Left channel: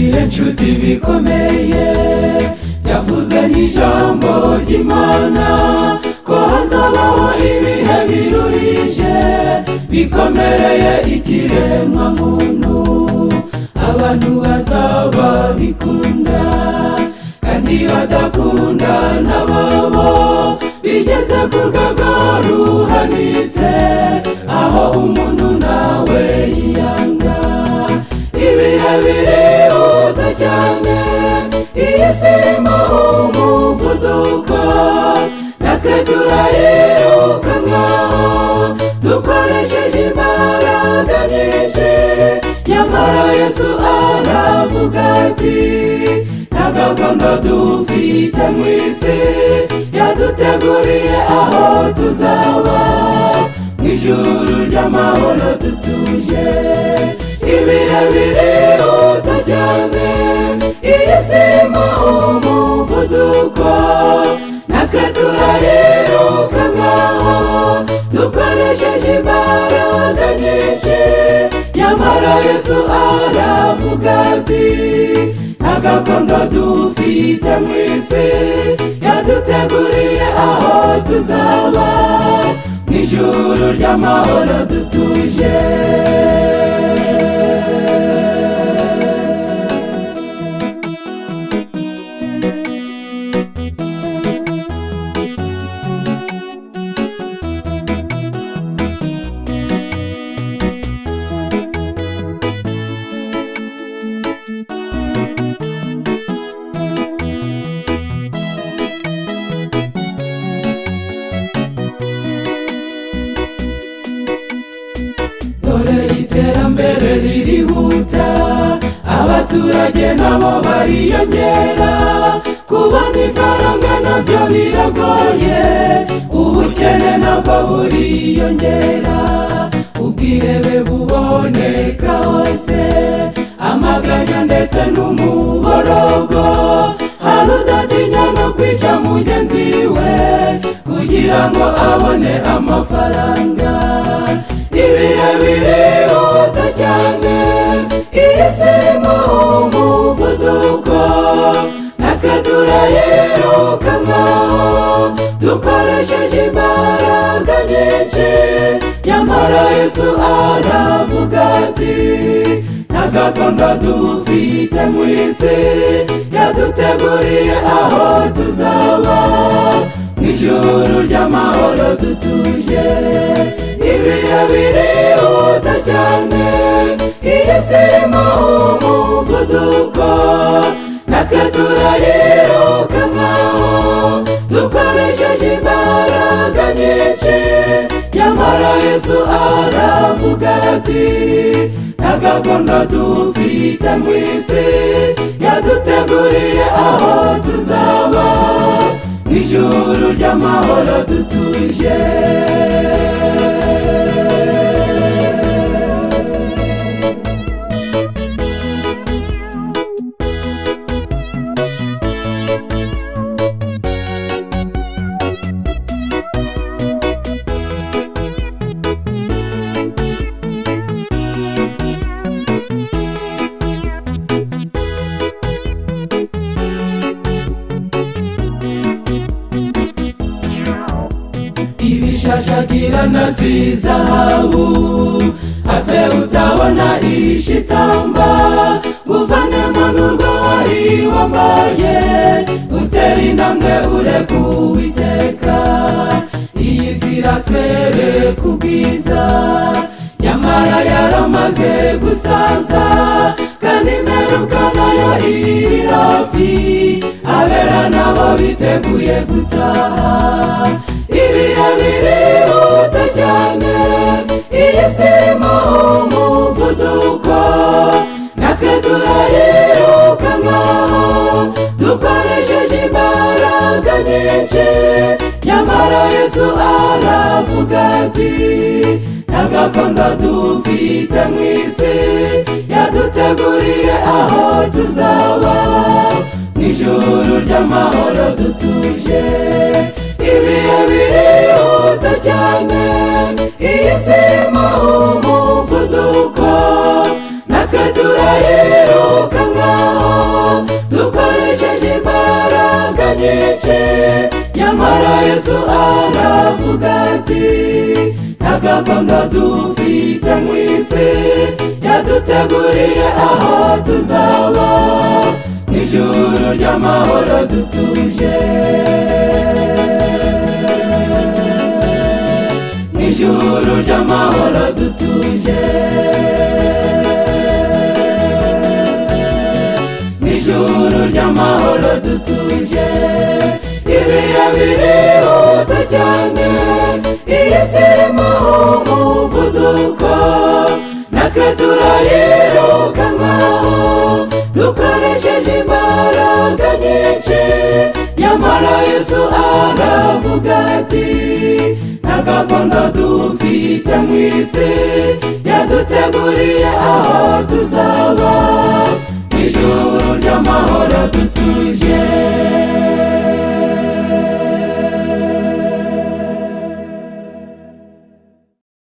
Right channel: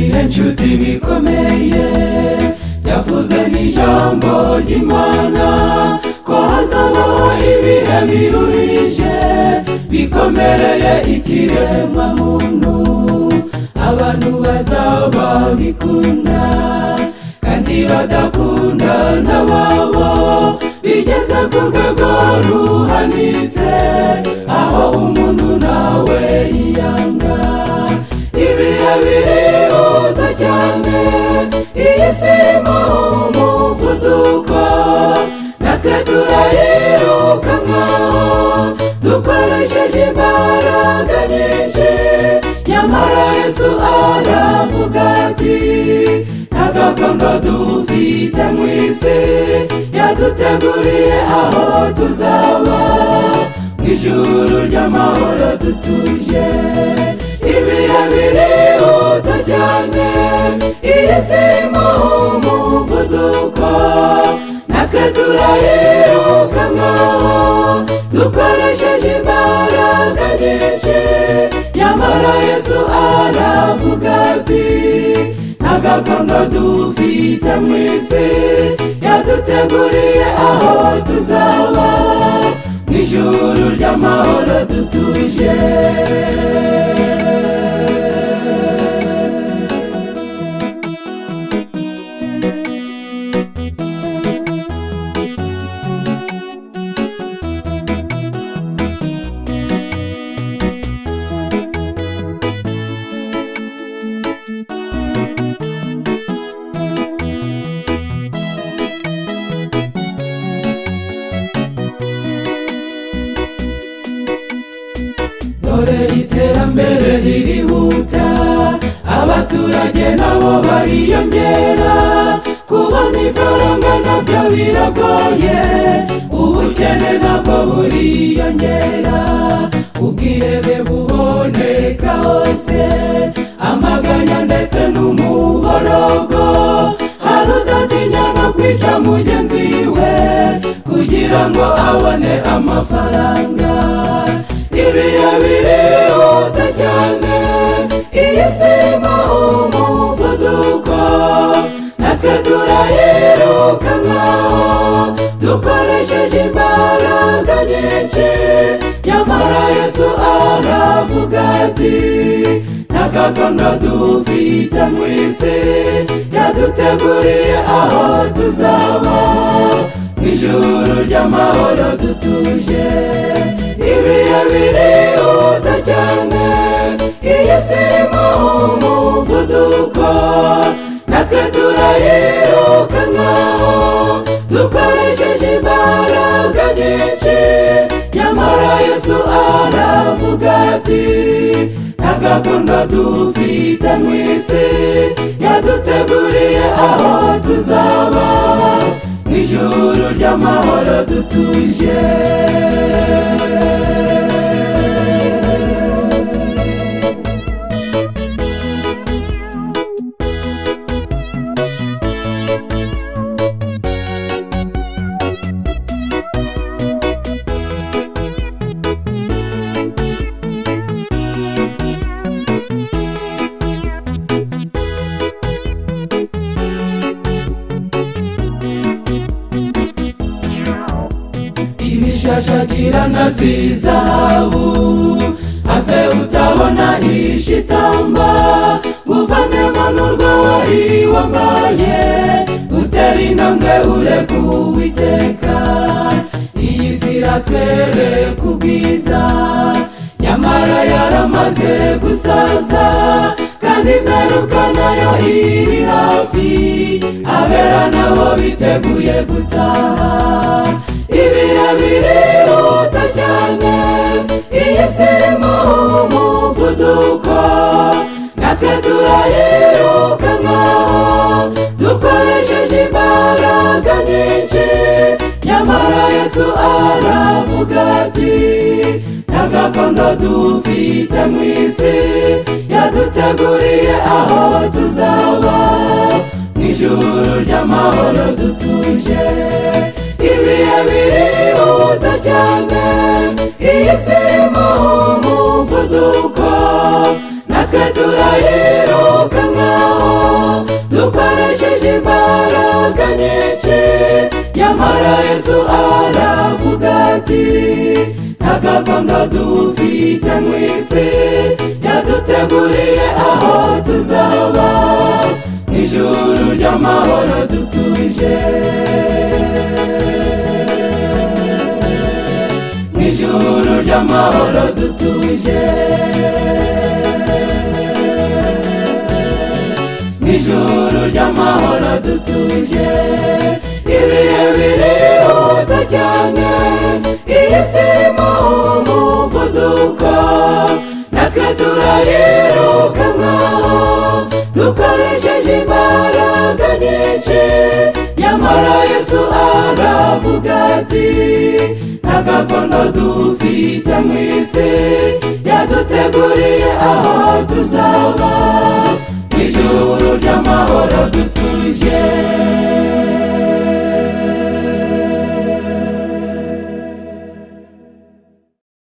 ibihe nshuti bikomeye byavuzwe n'ijambo ry'Imana ko hazabaho ibihe biruhije bikomereye ikiremwa muntu. Abantu bazaba bikunda kandi badakunda n'ababo bigeze ku rwego ruhanitse aho umuntu nawe yiyanga. Ibihe birihuta cyane, iyi si irimo umuvuduko, natwe turayirukankaho dukoresheje imbaraga nyinshi. Nyamara Yesu aravuga ati nta gakondo dufite mu isi, yaduteguriye aho tuzaba mu ijuru ry'amahoro dutuje. Ibihe birihuta cyane, iyi si irimo umuvuduko, natwe turayirukankaho dukoresheje imbaraga nyinshi. Nyamara Yesu aravuga ati nta gakondo dufite mu isi, yaduteguriye aho tuzaba mu ijuru ry'amahoro dutuje. Dore iterambere ririhuta, abaturage nabo bariyongera, kubona ifaranga nabyo biragoye, ubukene nabwo buriyongera, ubwihebe buboneka hose, amaganya ndetse n'umuborogo, hari udatinya no kwica mugenzi we kugira ngo abone amafaranga. Ibihe birihuta cyane, iyi si irimo umuvuduko, natwe turayirukankaho dukoresheje imbaraga nyinshi. Nyamara Yesu aravuga ati nta gakondo dufite mu isi, yaduteguriye aho tuzaba mu ijuru ry'amahoro dutuje. Ibihe birihuta cyane, iyi si irimo umuvuduko, natwe turayirukankaho dukoresheje imbaraga nyinshi. Nyamara Yesu aravuga ati nta gakondo dufite mu isi, yaduteguriye aho tuzaba mu ijuru ry'amahoro dutuje. Ibishashagirana si zahabu, have utabona ishitamba, uvanemo n'urwo wari wambaye, utera intambwe ureka Uwiteka. Iyi si iratwereka ubwiza, nyamara yaramaze gusaza, kandi imperuka nayo iri hafi, abera nabo biteguye gutaha. Ibihe birihuta cyane, iyi si irimo umuvuduko, natwe turayirukankaho dukoresheje imbaraga nyinshi. Nyamara Yesu aravuga ati nta gakondo dufite mu isi, yaduteguriye aho tuzaba mu ijuru ry'amahoro dutuje. Ibihe birihuta cyane, iyi si irimo umuvuduko, natwe turayirukankaho Yesu aravuga ati nta gakondo dufite mu isi, yaduteguriye aho tuzaba mw'ijuru ry'amahoro dutuje, mw'ijuru ry'amahoro dutuje, mw'ijuru ry'amahoro dutuje. Ibihe birihuta cyane, iyi si irimo umuvuduko, natwe turayirukankaho dukoresheje imbaraga nyinshi, nyamara Yesu aravuga ati nta gakondo dufite mu isi, yaduteguriye aho tuzaba